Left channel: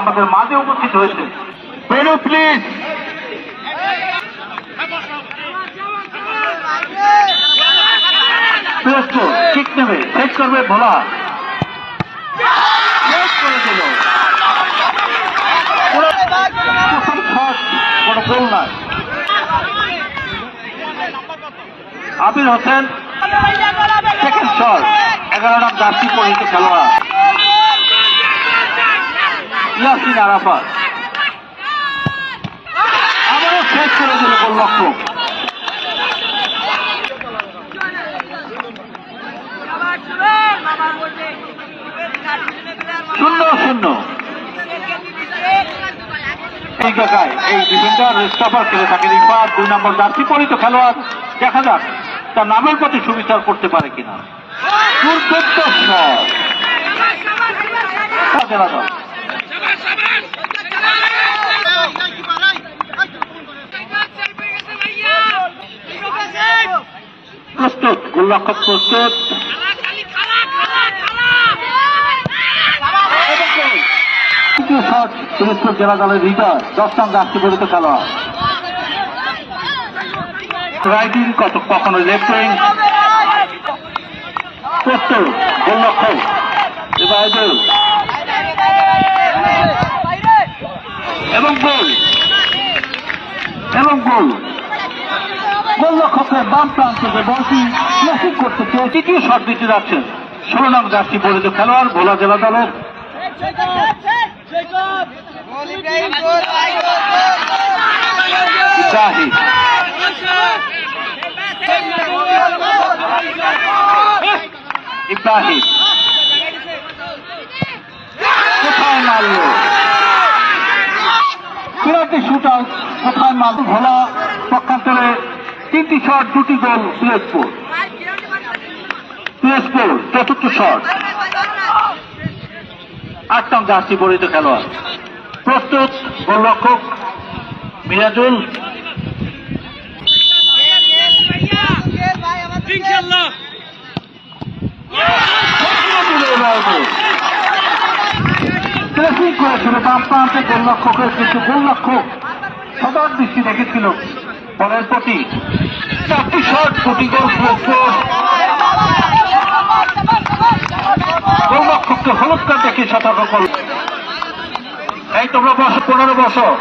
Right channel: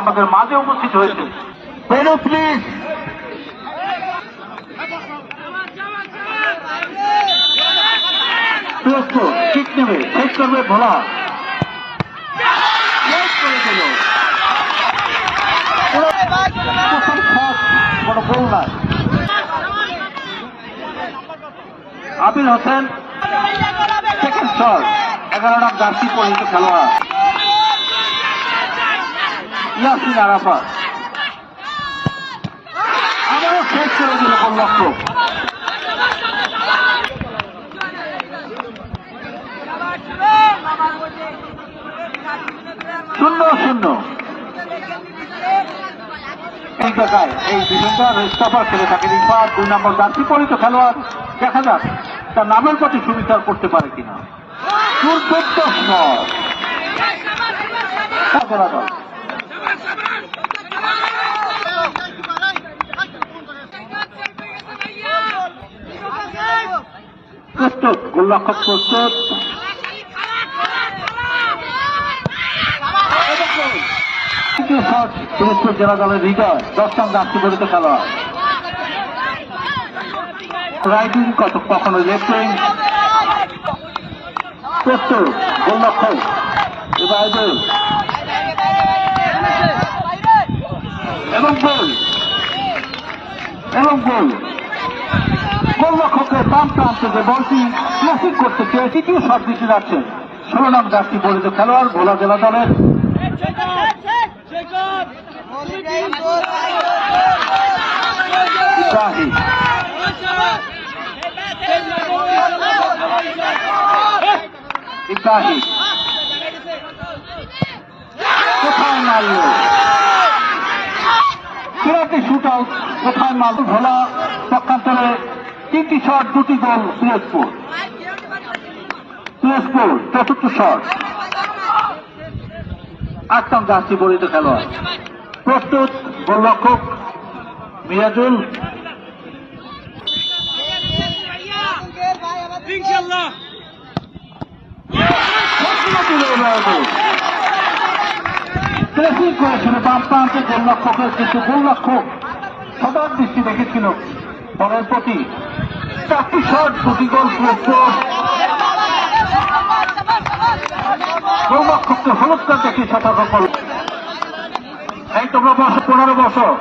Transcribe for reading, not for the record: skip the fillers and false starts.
আমাদের মাঝে উপস্থিত হয়েছে। বেরো প্লিজ। কিক নেবে, সেট করবে ভোলা, করে দিল প্রথম শট, কোনো গোল না। Abir Hossain second shot, 11 run jersey পরিহিত খেলোয়াড়। ইয়াসিন আরাফাত আবারও শেষ করে দিল গোলরক্ষক। শূন্য শূন্য। এই জায়গায় এই ডিফেন্ডার রেস্টাফার খেলে থাকে রিফাত, 2 নম্বর জার্সি পরিহিত খেলোয়াড়। দেখা যাক তার নামের প্রতি সুবিচার করতে পারে কিনা। প্রস্তুত, গোলরক্ষক প্রস্তুত। সিলেক্টর জেলা দলের লিডার 10 রান জার্সি পরিহিত খেলোয়াড়। রাইট উইং, কখনো লেফট উইং। প্রস্তুত, গোলরক্ষক এবাইদুল এবং গোল এবং গোল। গোলরক্ষকের বাম প্রান্ত যে বলটি ক্লাসিক করতে চেয়ে তৃতীয় শট দিতে যাচ্ছেন 16 রান জার্সি পরিহিত খেলোয়াড় ভোলা জেলা দলের। জাহিদ ইব্রাহিম কোথায় মারল, চূড়ান্ত শুট আউট, কোথায় মারল। ভোলা পক্ষান্তরে 3টি শট, 2টি গোল পিএসপুর। চতুর্থ শট, 8 রান জার্সি পরিহিত খেলোয়াড়। প্রস্তুত, গোলরক্ষক মিরাজুল ক্লাসিক করেছিল বাম প্রান্তে গোলরক্ষকের, কিন্তু গোলরক্ষক সদর দৃষ্টি রেখেছিল বলের প্রতি। 4টি শট, 2টি গোল। গোলরক্ষককে হলুদ কার্ড দেখিয়ে সতর্ক করল। এই তোমরা 15 বছর